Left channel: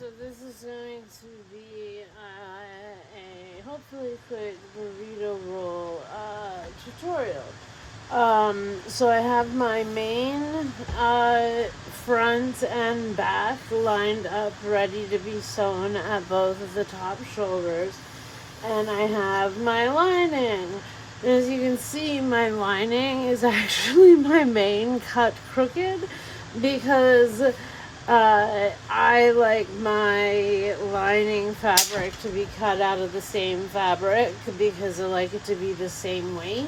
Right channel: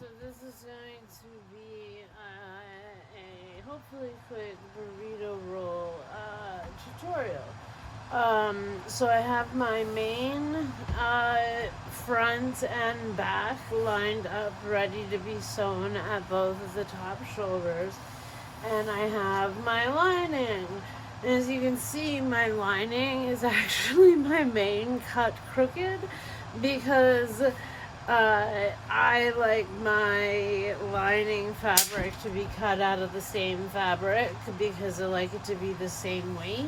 so this is going to be a hopefully quick burrito roll tutorial. So I have my main front and back lined up ready to be sewn at both of the top shoulders, and I have my lining. As you can see, my lining is actually my main cut crooked because I like my lining fabric to be cut out of the same fabric because I like it to be the same weight.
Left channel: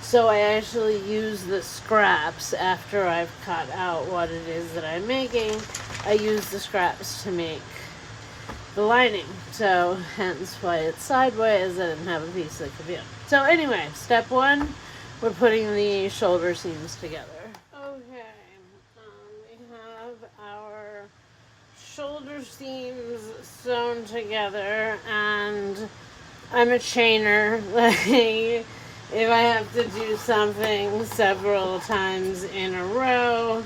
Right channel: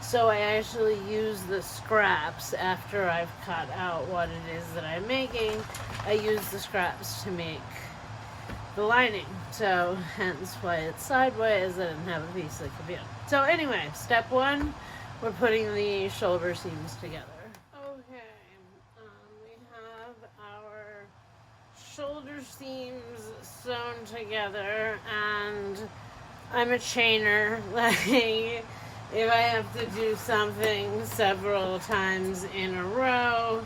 So I actually use the scraps after I've cut out what it is that I'm making. I use the scraps to make the lining. So hence why it's sideways. I didn't have a piece that could be on. So anyway, step one, we're putting the shoulder seams together. Okay, we have our shoulder seams sewn together, and I'm a chainer. Like, if I have to do something several times in a row,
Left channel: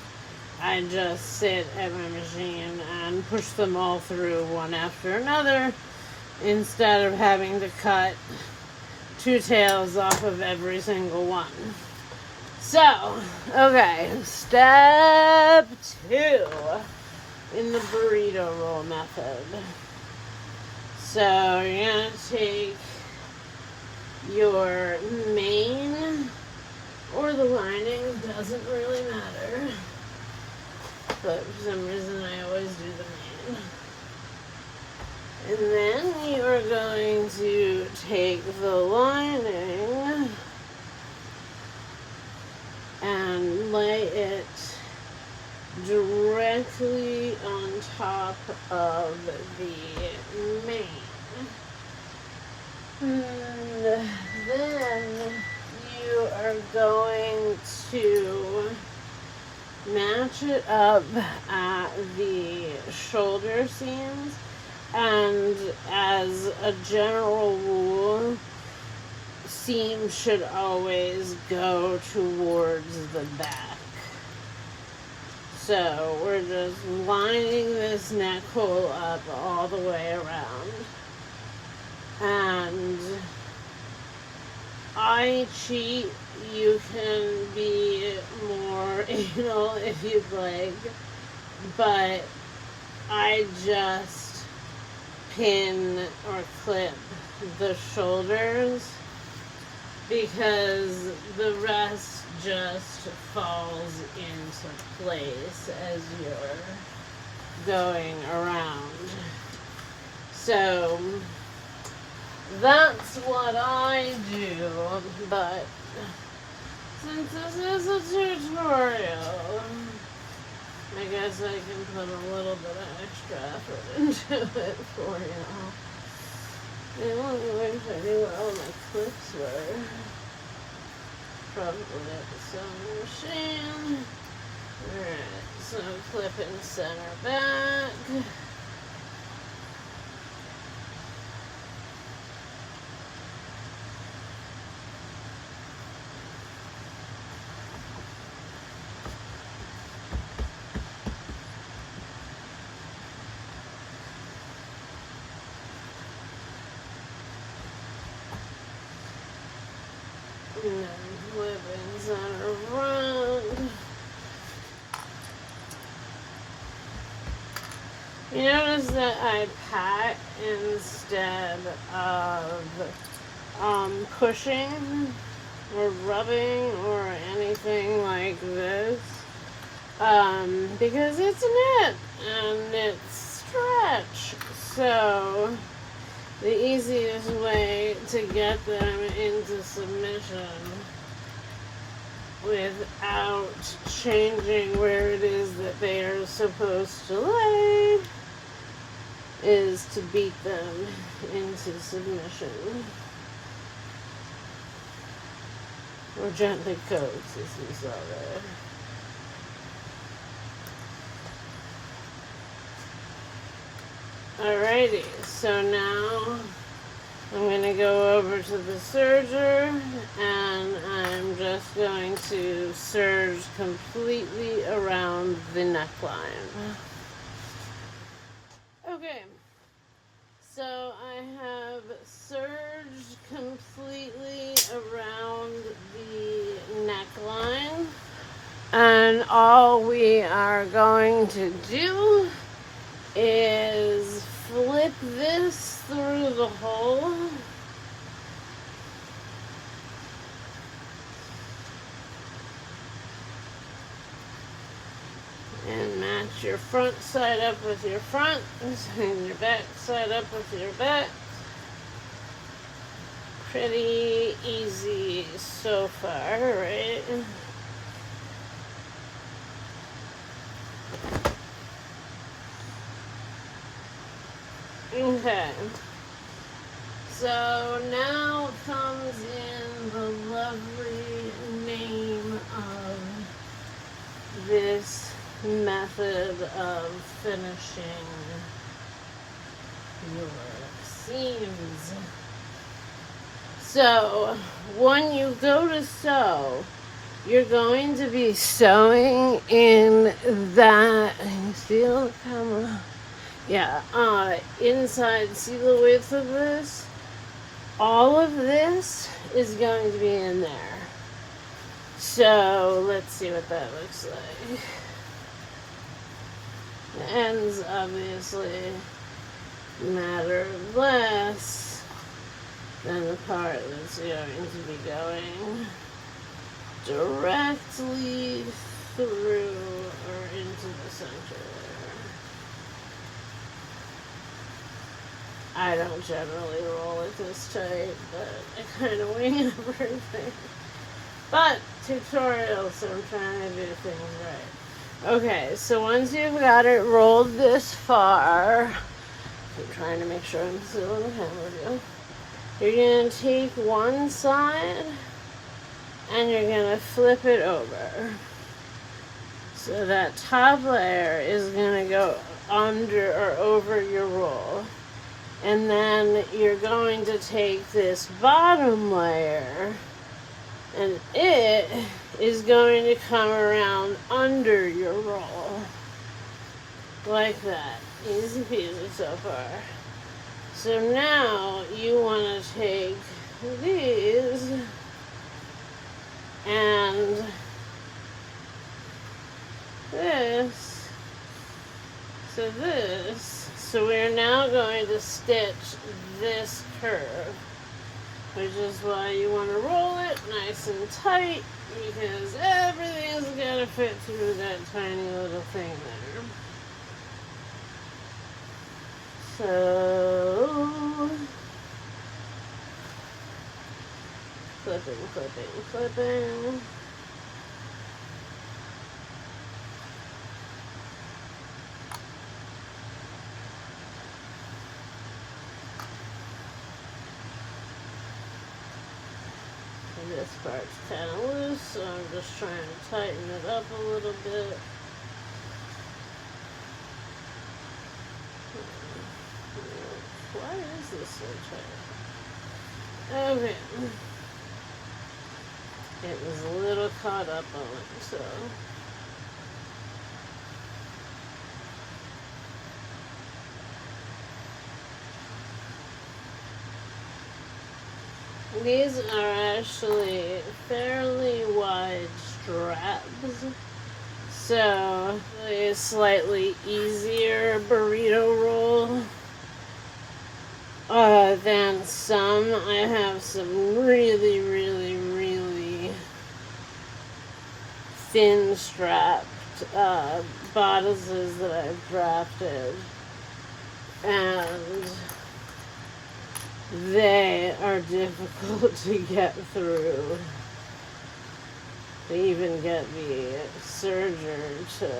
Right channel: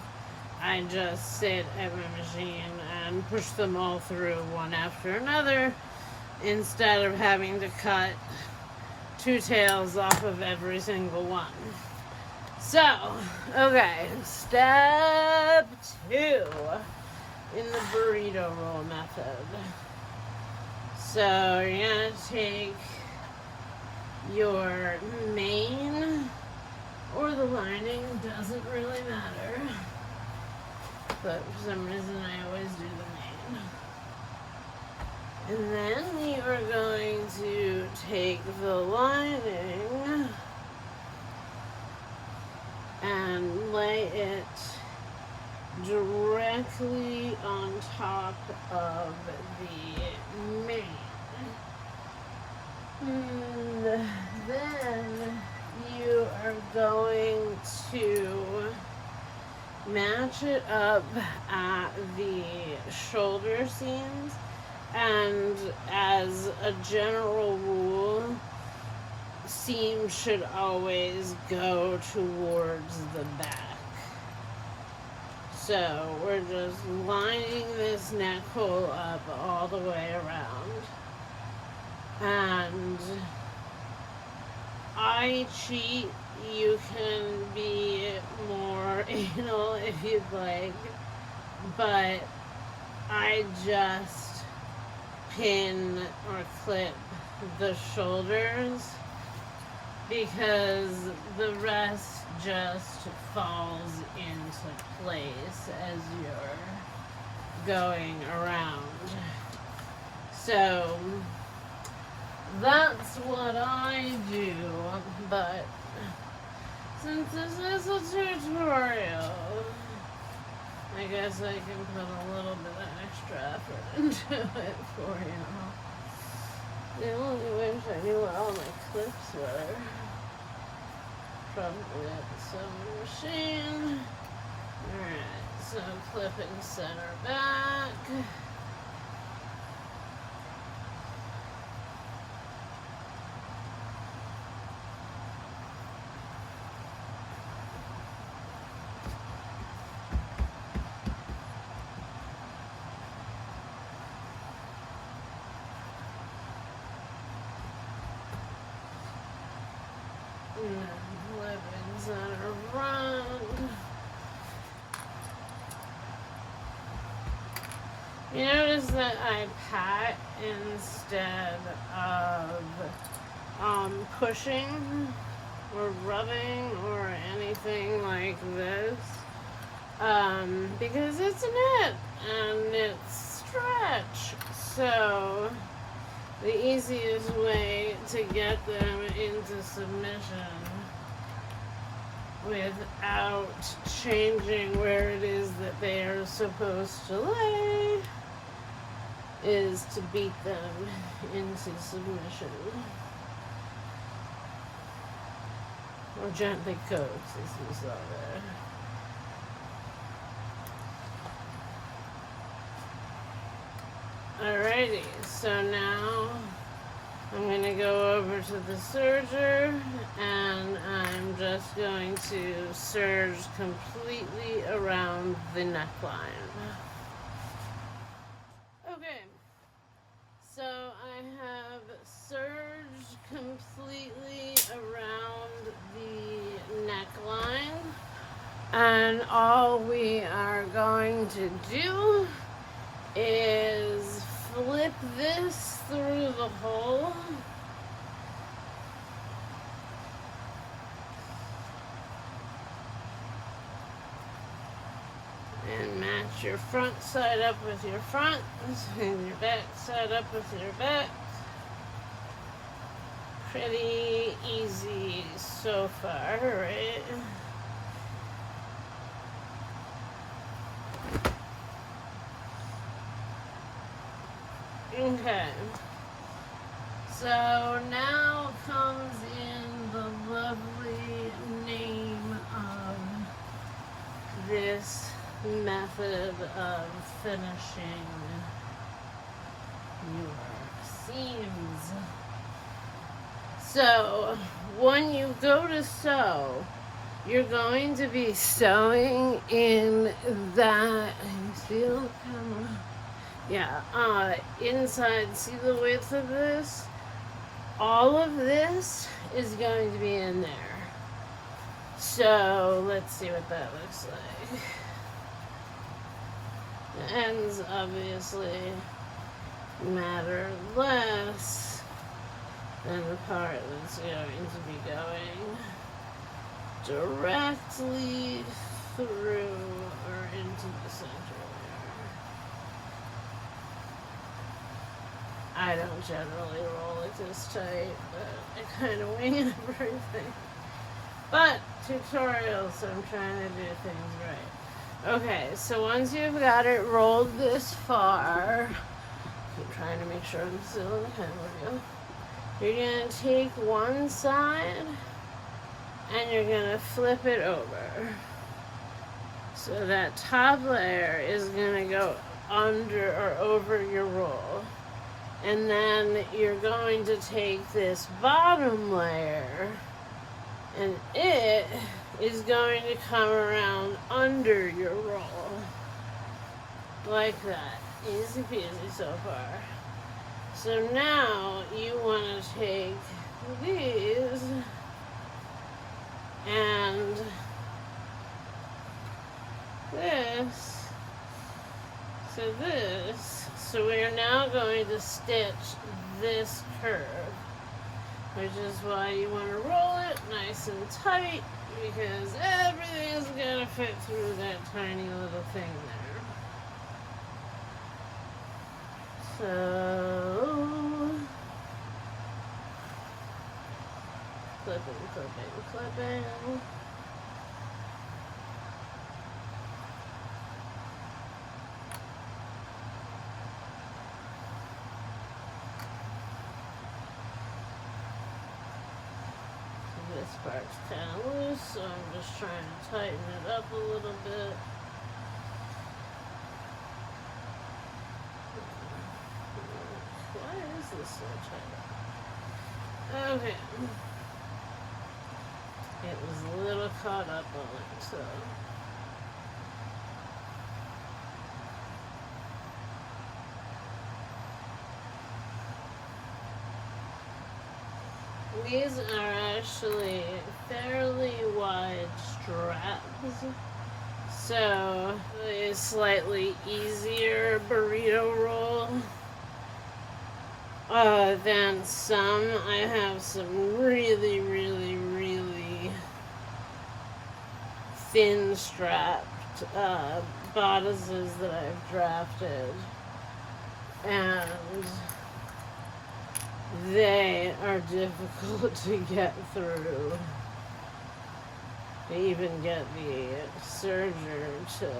I just sit at my machine and push them all through one after another instead of having to cut two tails off of every single one. So, okay, step 2 in the burrito roll method. So you're going to take your main or the lining, doesn't really matter, but for some reason I always do the main. And then you are going to take the lining and lay it directly on top of the main. And then you are going to match it up at the shoulder seams, and as a general rule, seams should always go towards the back. So we're just lining this neck hole up all the way around. And I cheat. You can be more anal if you'd like, but I just pin or clip the shoulders because the rest just falls into place as you're going around. So that's what I do, but since this is a tutorial, I guess I can put a little bit of extra effort into it for you. I only wish I knew where all my clips were. Probably at the sewing machine. Alright, so clip and center back. And then flip and center front. You notice that I pat instead of pushing or rubbing or anything like this, because it's a knit and it's stretch. So the easiest way to get them into submission without changing where it is that they are supposed to lay is to beat them into submission. Or gently coax, as we saw there. Alrighty, so now I'm going to go over to the serger, and I'm just going to serge completely around the neckline. Okay, do is flip this through the hole. And match your front side up with your front, and your back side up with your back. Pretty easy so far, right? Okay. So now comes in the lovely name of this method of finishing your seams. So when you go to sew, you're going to be sewing in that, you feel the camera? Yeah, inside, see the width of this? All of this is going to be in there. So let's see what that looks like. The ends obviously matter less than the part that's going to be going directly through or into the center there. I don't generally roll it this tight, but I kind of wing everything. But tutorials, so I'm trying to do things right. Okay, so once you've got it rolled this far, I'm trying to make sure I'm still in the camera view. You're going to take one side and you're going to flip it over. So that top layer is going to go under or over your roll. And then you're going to take this bottom layer and it is going to come around under your roll. Like that. Easy peasy so far. So now you want to take these and this. So we're now going to stitch this curve, which is why you want to roll it nice and tight, because everything is going to fit through that tiny little thing there. So, clipping, clipping, clipping. This part's kind of loose, so I'm just trying to tighten it up a little bit. Why is this so tight? Okay. It was a little caught up on it, so. These are actually fairly wide straps, so a slightly easier burrito roll than some. I have some really, really, really thin strapped bodices that I've drafted, and they are difficult to get through. To even get the serger to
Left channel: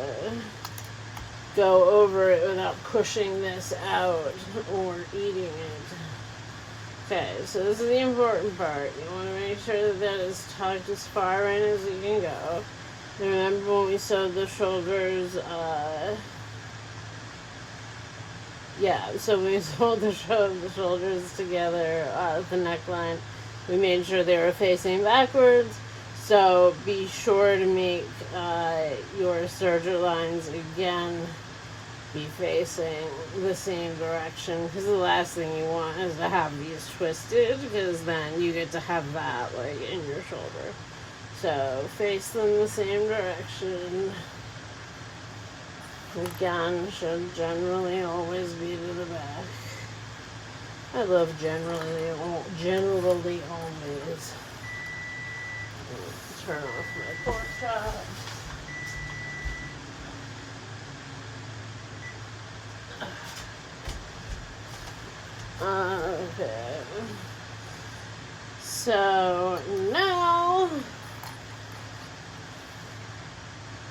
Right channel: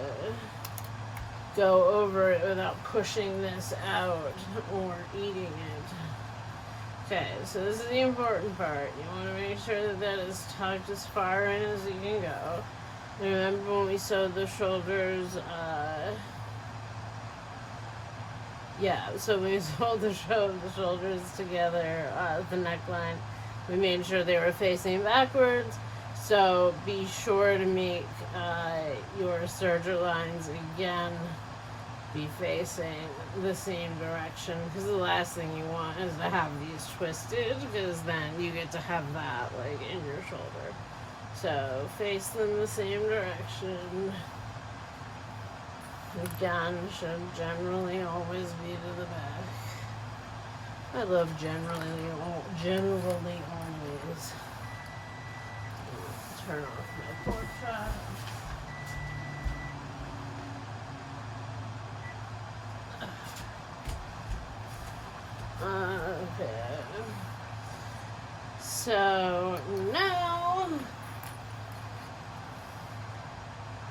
go over it without pushing this out or eating it. Okay, so this is the important part. You want to make sure that that is tucked as far in as you can go. Remember when we sewed the shoulders, so we sewed the shoulders together, the neckline. We made sure they were facing backwards. So be sure to make your serger lines again be facing the same direction, because the last thing you want is to have these twisted, because then you get to have that like in your shoulder. So face them the same direction. The gun should generally always be to the back. I love generally always. Turn off my pork chop. Okay. So now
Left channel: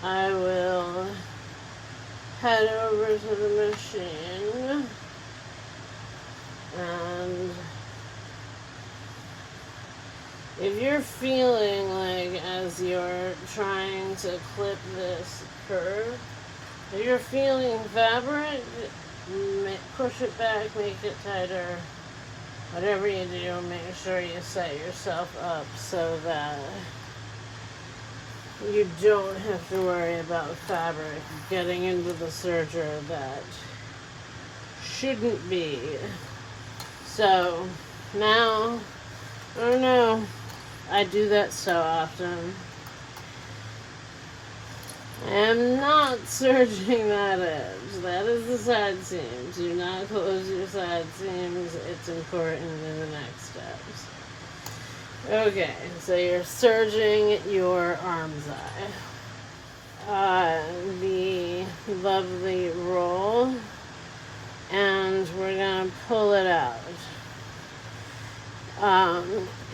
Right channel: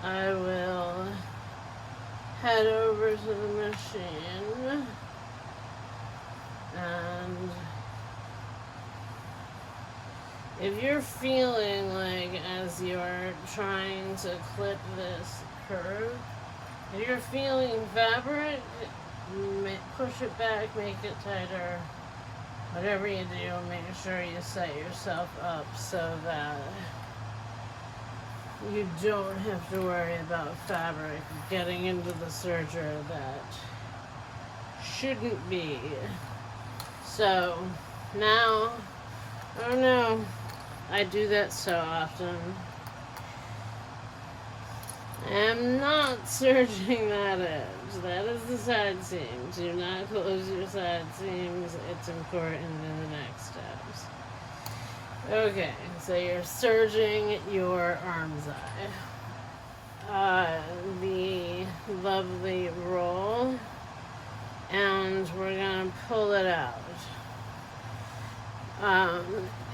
I will head over to the machine and if you're feeling like as you're trying to clip this curve, if you're feeling fabric, push it back, make it tighter. Whatever you do, make sure you set yourself up so that you don't have to worry about fabric getting into the serger that shouldn't be. So now, oh no, I do that so often. I'm not serging that edge. That is the side seam. Do not close your side seams. It's important in the next steps. Okay, so you're serging your armscye. The lovely roll, and we're gonna pull it out.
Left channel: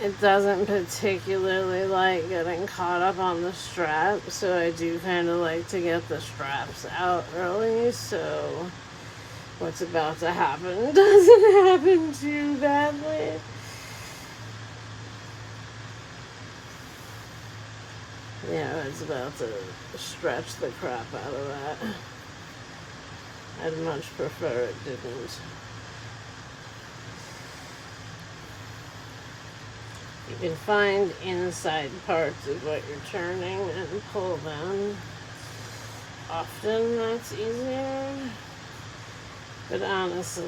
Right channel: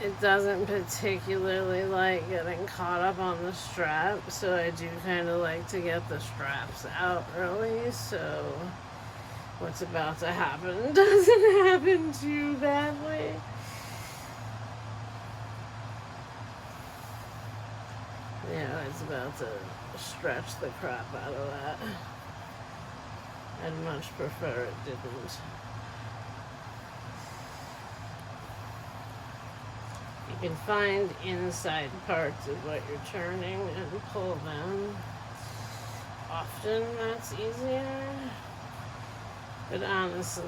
It doesn't particularly like getting caught up on the strap, so I do kind of like to get the straps out early, so what's about to happen doesn't happen too badly. Yeah, it's about to stretch the crap out of that. I'd much prefer it didn't. You can find inside parts of what you're turning and pull them. Often that's easier. But honestly,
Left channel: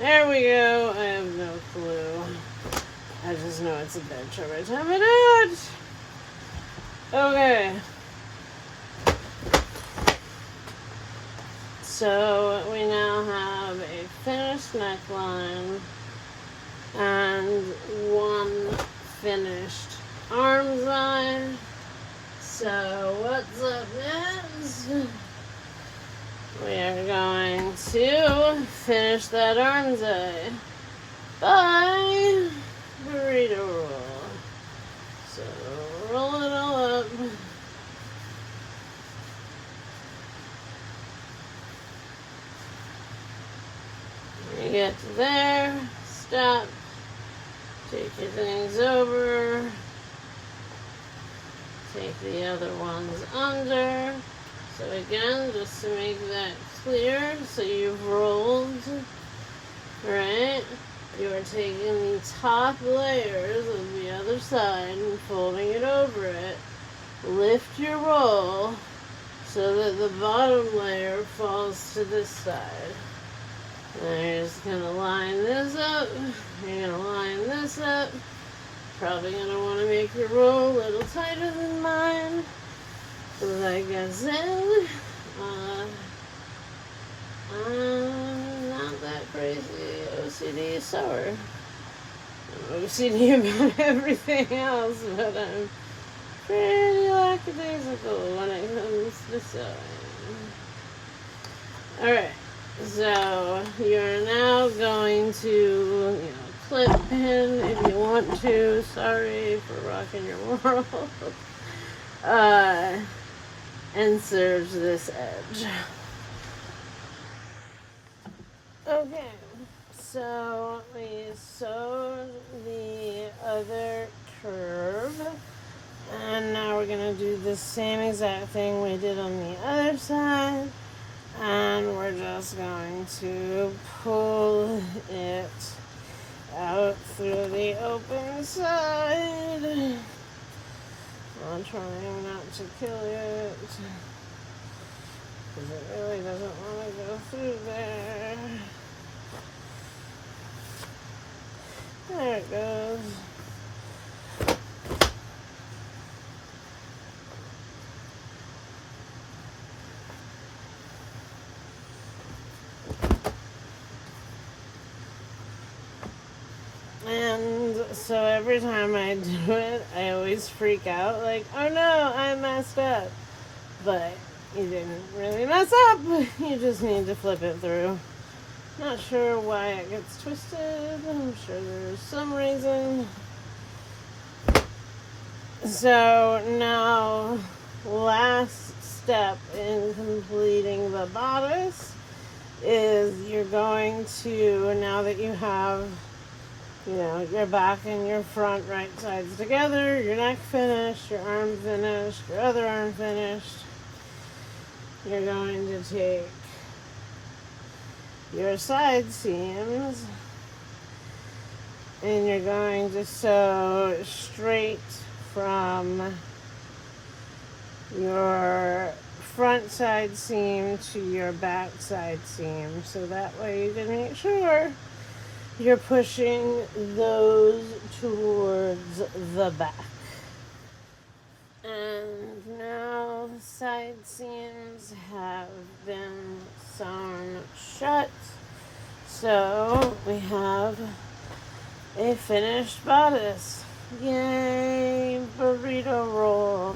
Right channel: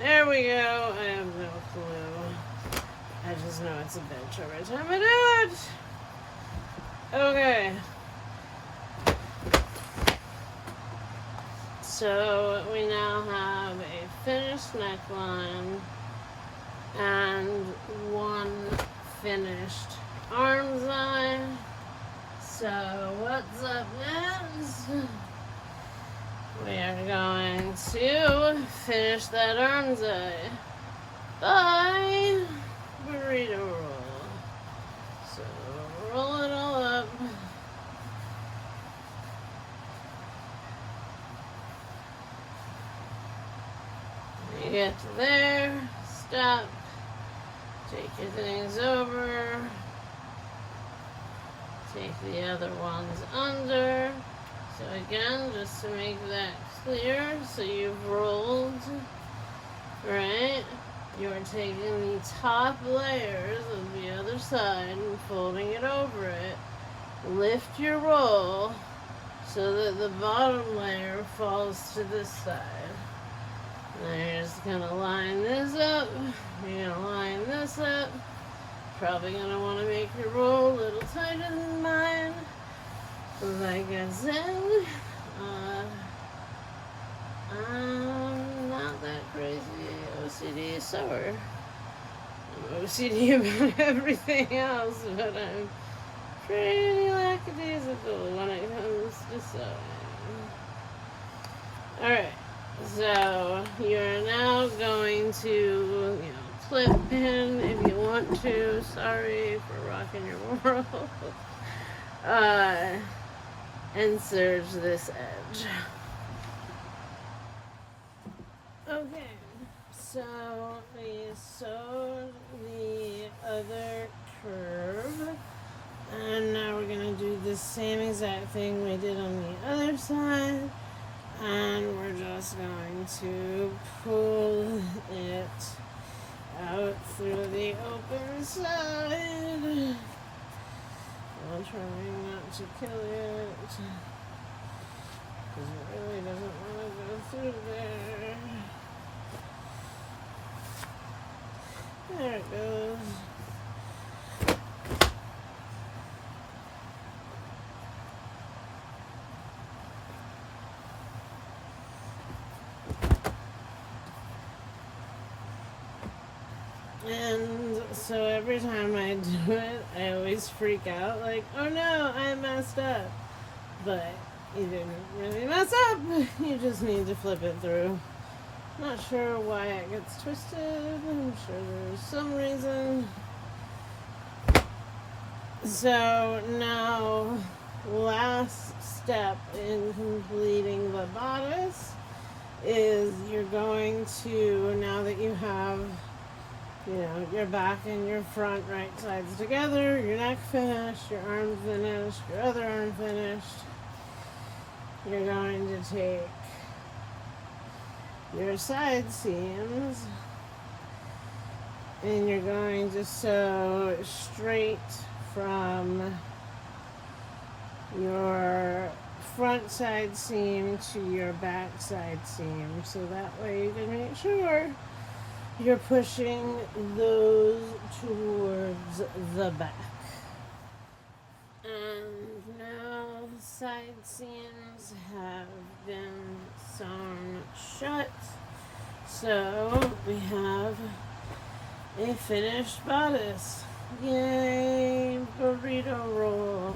there we go. I have no clue. I just know it's a bitch every time I do it. Okay. So we now have a finished neckline and one finished armscye. So what's up next? We are going to finish that armscye by burrito roll. So roll it all up. You get to there, stop. Take your things over, take the other ones under. So again, just to make that clear, so you've rolled, right? You're taking the top layers of the other side and folding it over it. Lift your roll so that the bottom layer falls to this side. Now you're just going to line this up. You're going to line this up. Probably going to want to make your roll a little tighter than mine. Like I said, I'm not that crazy OCD sewer. I'm OCD about everything else, but I'm pretty lackadaisical when it comes to sewing. Alright. So you're now going to, clip pin if you want to. Sorry for rocking your world. And serge this edge. Okay, so we sewed the other curve, and now we're going to do the same exact thing we did on the other side. And we're just going to pull it out through the open side. I'm trying not to kill it, because it really doesn't want to go through there. There it goes. So every time I do it, I always freak out, like, oh no, I messed up. But you didn't really mess up. You just need to flip it through. Not sure why it gets twisted. I'm sure there's some reason. So now, last step in completing the bodice is you're going to, now that you have, your back and your front right sides together, your neck finished, your arm finished, your other arm finished, you're going to take your side seams and you're going to sew straight from your front side seam to your back side seam, so that way you can make sure you're pushing those towards the back. And now the side seams have been sewn shut, so we have a finished bodice. Yay, burrito roll.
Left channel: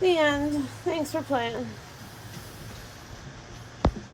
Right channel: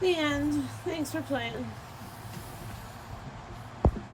The end. Thanks for playing.